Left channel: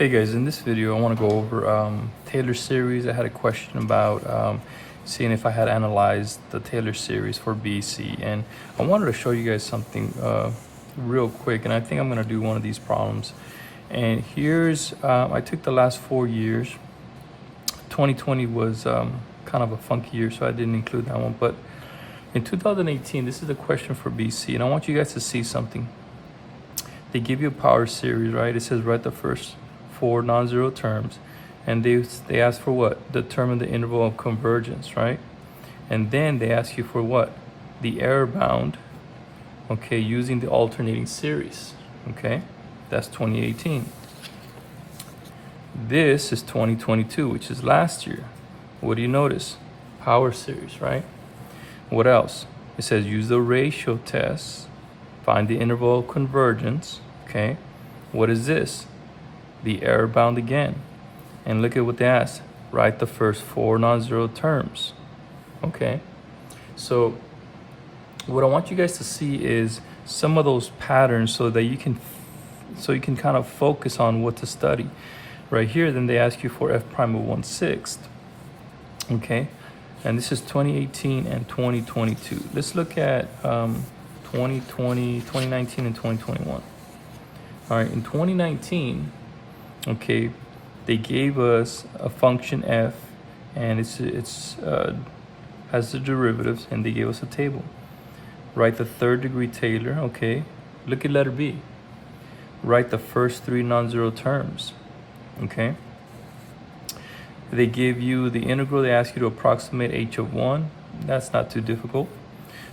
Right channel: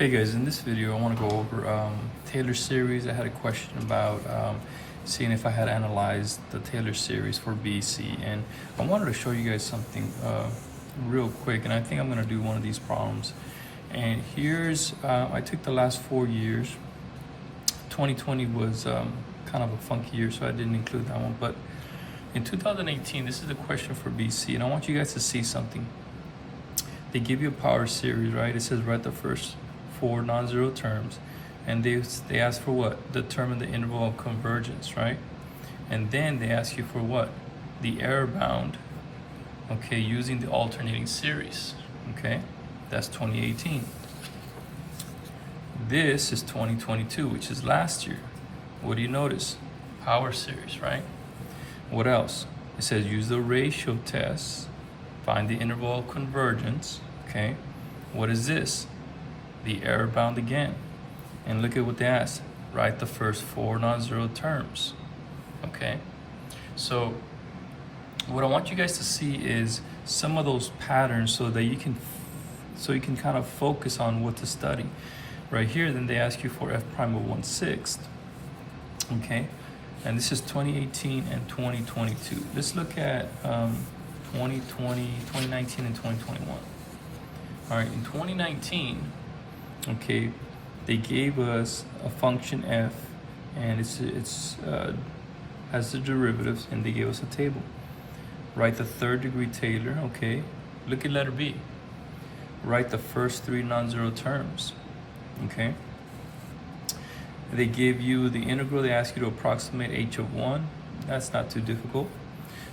Hey guys, in this video I want to go over Taylor series. I had a question about seeing if I had analyzed the Taylor series for BC, and I wanted to show you guys something real quick, and I think I'm going to do one of these problems. And here's, I took the last 4 years. 2020 was kind of a funky year, so I didn't include that one, but in 2018, this is the question for BC, and I want you guys to see something. They give you a power series, right? It says write the first 4 non-zero terms, and they ask for what? Determine the interval of convergence, right? And then they ask you for what? The error bound, okay, using the alternating series, okay? That's 2018. This is 2022, which is last year. What do you notice? Power series, right? What else? It says use the ratio test, find the interval of convergence, okay? What is this? The error bound again. And look at what they asked. Write the first 4 non-zero terms, okay? So what I want you guys to see is some of those patterns so that you can kind of focus on what to study. Right here, then they ask you for f prime of 1/6, okay? And this is 2018 and 2022. Let's look at 2019 and 2021. All right, in 2019, okay, they gave us a function f, and it's has the derivatives, and they gave us a table. Write the third degree Taylor, okay? Look at letter B. Write the first 3 non-zero terms, okay? They give you the integral. They ask you to approximate h of 1. That's not too difficult.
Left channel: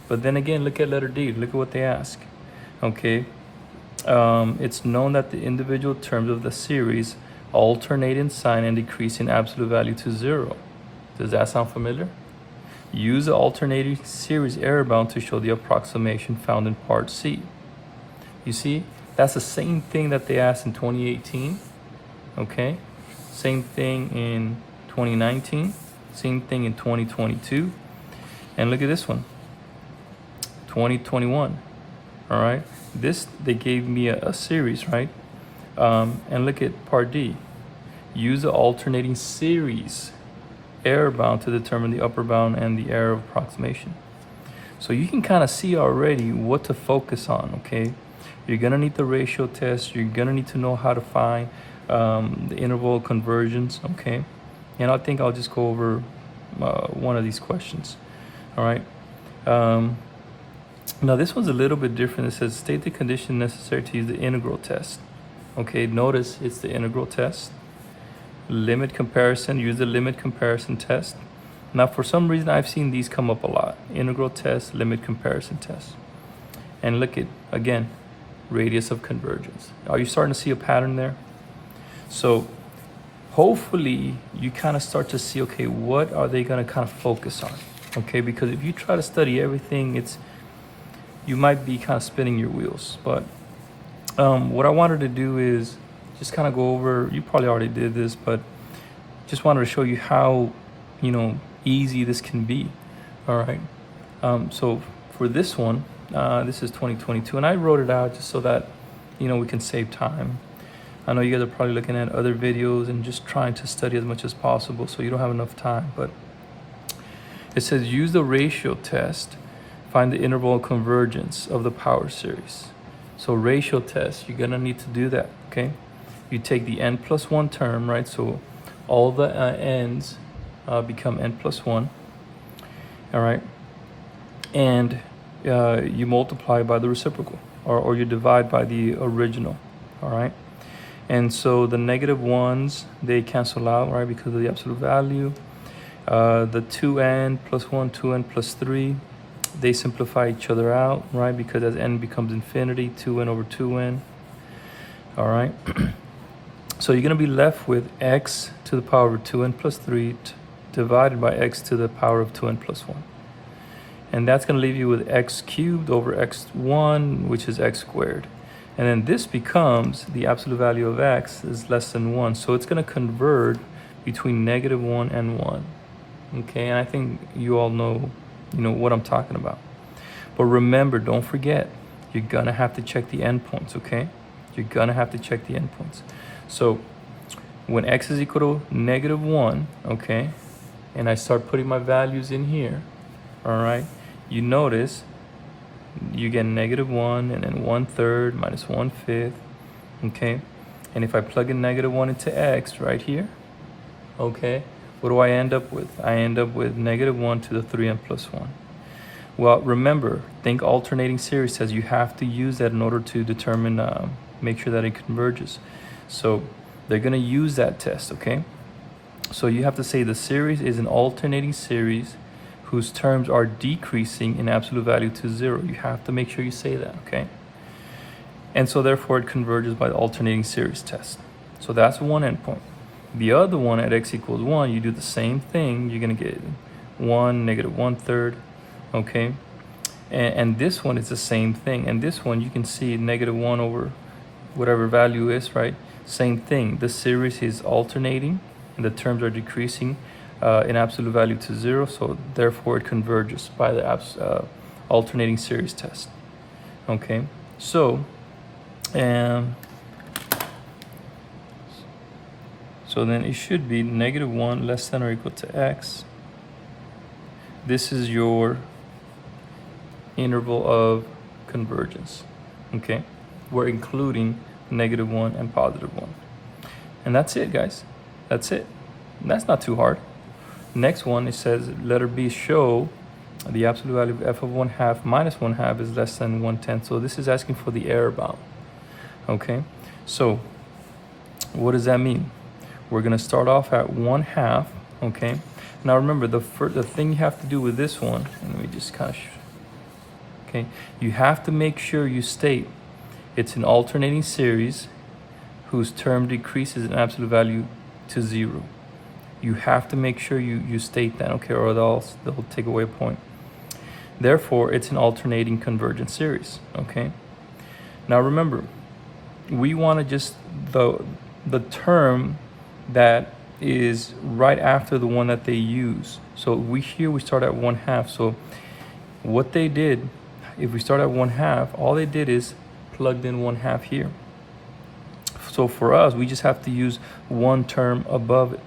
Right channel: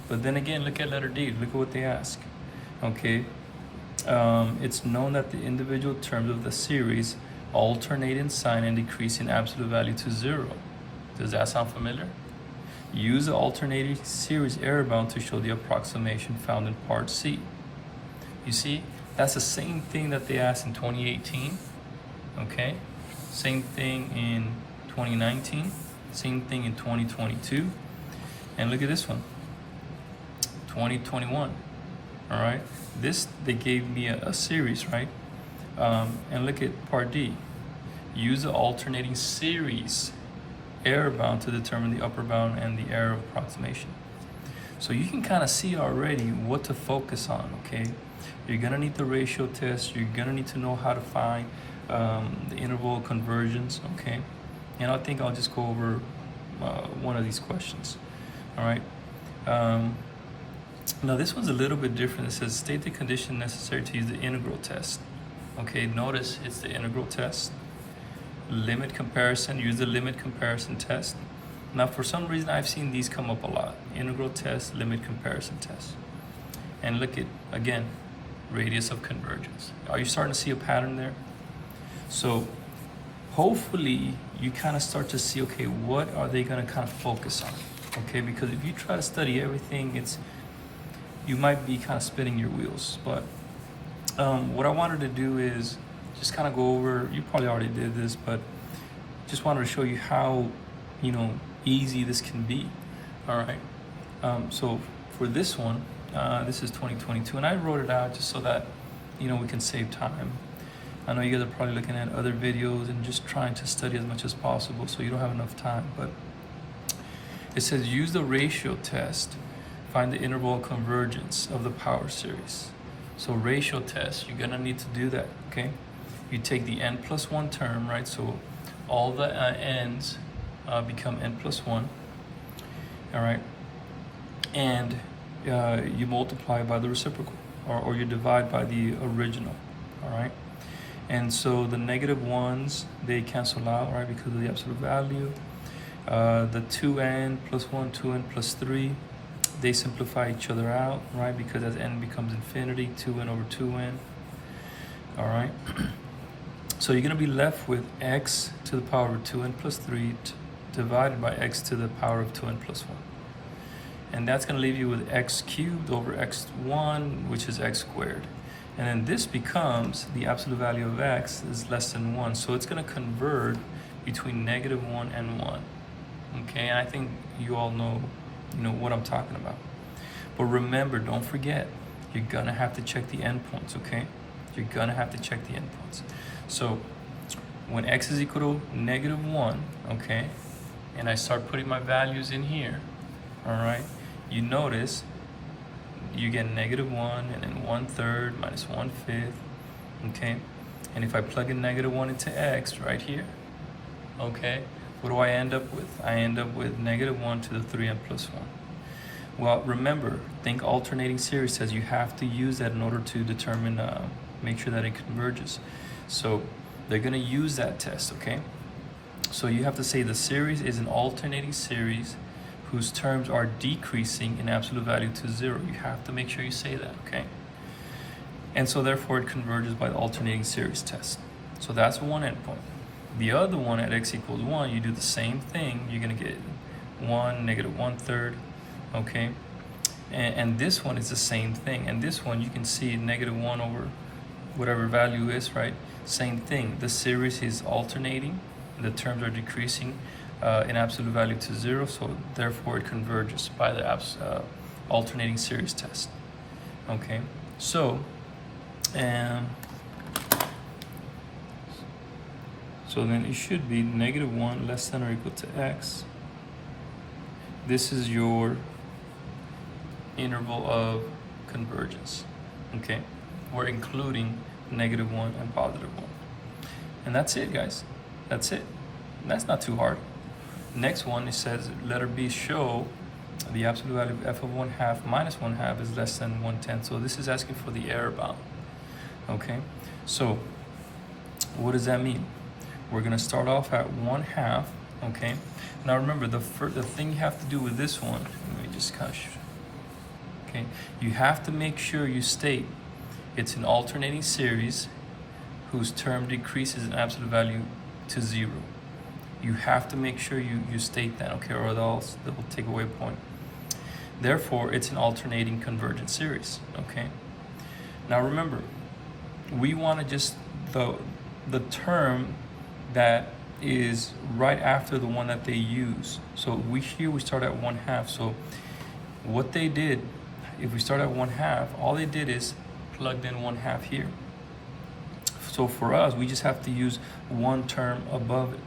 But then again, look at letter D. Look at what they ask, okay? It's known that the individual terms of the series alternate in sign and decrease in absolute value to 0. Does that sound familiar? Use the alternating series error bound to show the approximation found in part C. You see, that's the same thing that they asked in 2018, okay? Same thing in 2019, same thing in 2022. And look at this one, 2021, all right? This, they gave me a series, right? And look at part D. Use the alternating series error bound to determine the upper bound and the error of approximation. So you can kind of see already what to focus on, okay? You're gonna need the ratio test. You're gonna need to know how to find the interval of convergence, okay? And I think I'll just go over one of these questions, all right? Now this one's a little bit different. It says state the condition necessary to use the integral test. Okay, notice it's the integral test. Limit comparison, use the limit comparison test. Now for some reason I've seen these come up a lot. Integral test, limit comparison test. And look at, again, radius of convergence. Are you starting to see a pattern there? So hopefully you kind of start to see, okay, what are they gonna kind of focus on? Okay, because if you try to study everything, you might be kind of spinning your wheels. But what I wanted to do is just kind of go over, you probably already did this, but just wanted to show you how, easy this can be, all right? So for this one, this is 2022, and I wrote it out just so that, we can save time. I know you guys are probably looking at other videos and just trying to study as much as possible, so you don't have enough time, but it says use the ratio test, find the interval of convergence of the power series. So ratio test, you're gonna need to do that, okay? You take the n plus 1 term, right? So all the n's become n plus 1, all right? And you multiply by the reciprocal, or you divide by the original, all right? And so the negative ones, they cancel out, right, because of the absolute value. The 2n plus 1, 2n plus 3, they simplify each other out, right, because as n becomes infinity, 2n over 2n, all right? So you're going to be left with x to the power of 2n plus 3 divided by x to the power of 2n plus 1. And that's going to leave you with x cubed over x1, which is x squared. And then this becomes the absolute value of x is less than 1. So it's going to converge between -1 and 1. Okay, and I think you all know what I'm talking about. But remember, don't forget, you're gonna have to check the endpoints, okay? You're gonna have to check the endpoints. So when x is equal to -1, okay, and I start putting my values in here, all right, you notice you get -1 and then 1/3 minus 1/5, okay, and if I plug in -1 into x right here, okay, what do I end up with? I end up with -1 to the 3n plus 1. Well, remember, think alternating series says you have to use that in order to determine, make sure that it converges. So they're gonna use that test, okay? So you have to say the series is an alternating series whose terms are decreasing in absolute value to 0. You have to make sure you say that, okay? And so therefore it converges by the alternating series test. So that's one endpoint. The other one at x equals 1, you do the same thing. You're gonna get 1, -1/3, okay? And this one is the same thing. And this one, you can see -1 over whatever value is, right? Same thing. The series is alternating, and the terms are decreasing in absolute value to 0, so therefore it converges by the alternating series test. Okay, so then it should be -1 less than or equal to x. This is your interval of convergence. Okay, we're including -1 and +1. And that's it, guys. That's it. That's not too hard. Next one, it says letter B, show the absolute value of f of 1/2 minus 1/2 is less than 1/10. So this is asking for the error bound. Okay, so what does that mean? We're gonna start off at 1/2. Okay, now remember the thing you have to do with this one, let me just catch. Okay, you have to make sure you state it's an alternating series whose term decreases in absolute value to 0. You have to make sure you state that, okay, or they'll take away a point. Therefore, it's an alternating convergent series, okay? Now remember, we want to just the term that is right after the one that they use. So we start at 1/2. So what they did, if we start at 1/2, all they did is plugged in 1/2 here. So for us, we just have to use one term above it,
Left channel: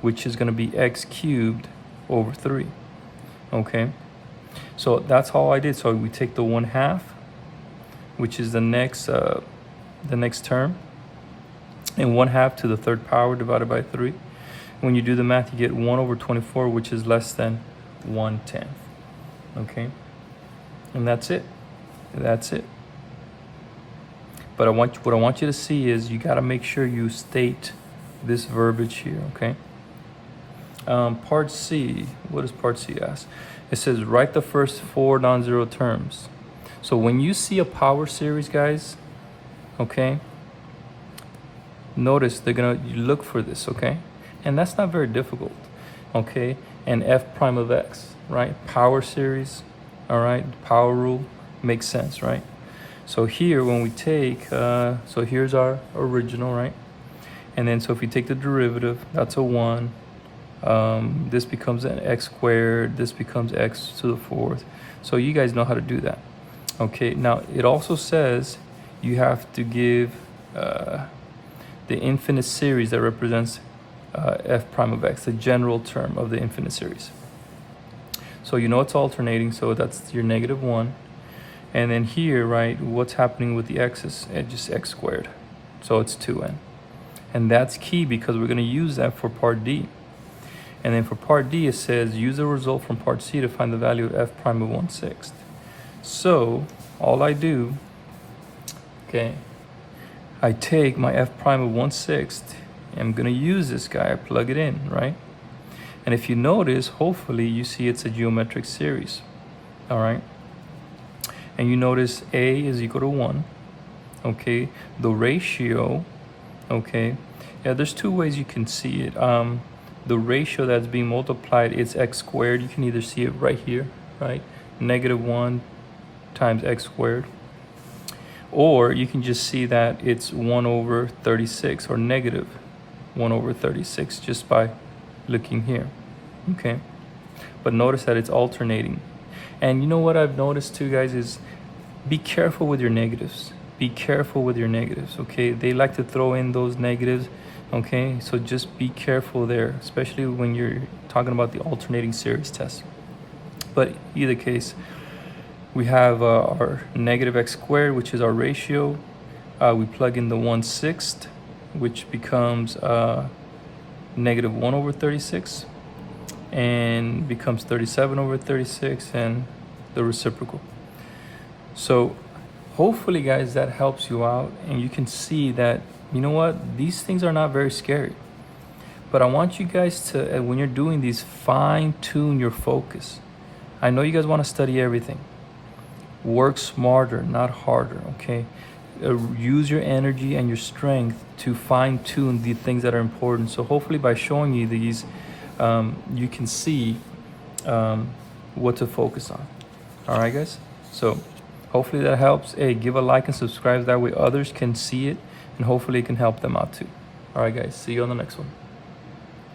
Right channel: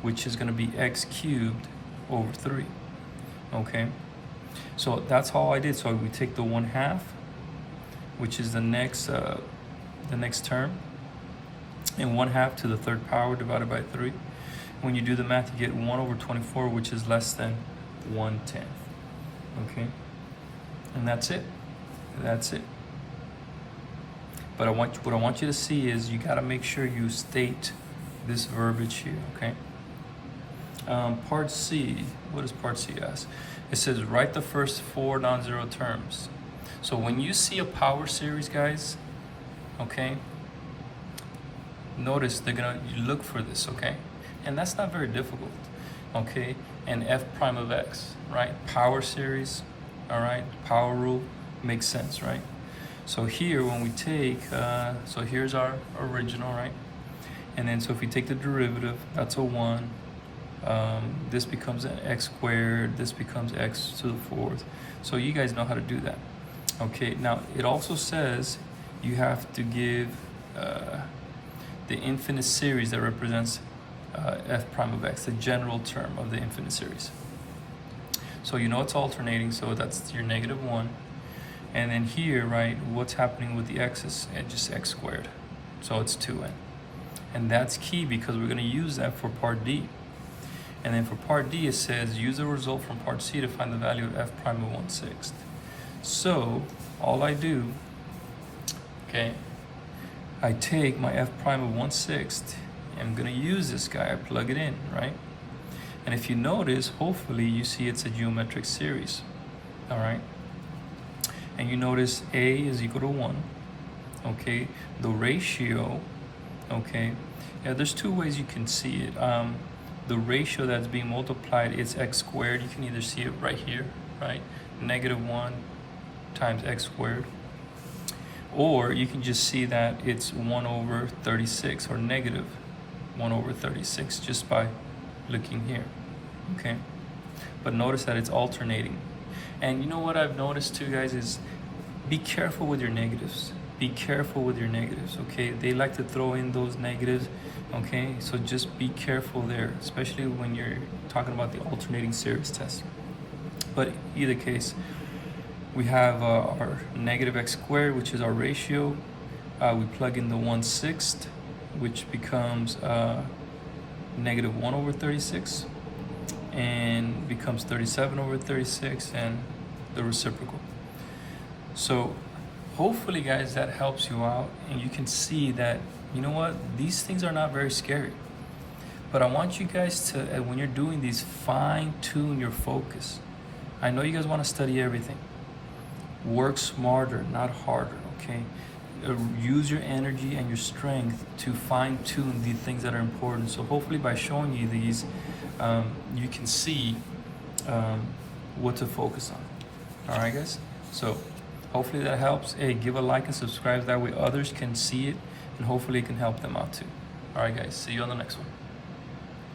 which is going to be x cubed over 3. Okay, so that's all I did. So we take the 1/2, which is the next term, and 1/2 to the 3rd power divided by 3. When you do the math, you get 1 over 24, which is less than 1/10. Okay, and that's it. That's it. But what I want you to see is you got to make sure you state this verbiage here, okay? Part C, what does part C ask? It says write the first 4 non-zero terms. So when you see a power series, guys, okay, notice they're gonna look for this, okay? And that's not very difficult, okay? And f prime of x, right? Power series, all right? Power rule makes sense, right? So here, when we take, so here's our original, right? And then, so if you take the derivative, that's a 1. This becomes an x squared. This becomes x to the 4th. So you guys know how to do that. Okay, now it also says you have to give the infinite series that represents f prime of x, the general term of the infinite series. So you know it's alternating, so that's your -1. And then here, right, what's happening with the x's? It's just x squared. So it's 2n. And that's key because we're going to use that for part D. And then for part D, it says use the result from part C to find the value of f prime of 1/6. So all I do, okay, I take my f prime of 1/6. I'm going to use this guy. I plug it in, right? And if you notice, hopefully you see it's a geometric series, all right? And you notice A is equal to 1, okay? The ratio, okay? Yeah, there's 2 ways you can see it. The ratio that's being multiplied is x squared. You can either see it right here, right? -1 times x squared. Or you can just see that it's 1 over 36 or -1 over 36 just by looking here, okay? But notice that it's alternating. And you know what I've noticed too, guys, is be careful with your negatives. Be careful with your negatives, okay? They like to throw in those negatives Okay, so just be careful there, especially when you're talking about the alternating series test. But either case, we have our negative x squared, which is our ratio. We plug in the 1/6, which becomes negative 1 over 36, and becomes 37 over 36, and the reciprocal. So hopefully, guys, that helps you out, and you can see that, you know what, these things are not very scary. But I want you guys to, when you're doing these, fine tune your focus. I know you guys want to study everything. Work smarter, not harder, okay? Use your energy and your strength to fine tune the things that are important. So hopefully by showing you these, you can see what to focus on. All right, guys? So hopefully that helps. Hey, give a like and subscribe. That way others can see it, and hopefully it can help them out too. All right, guys. See you on the next one.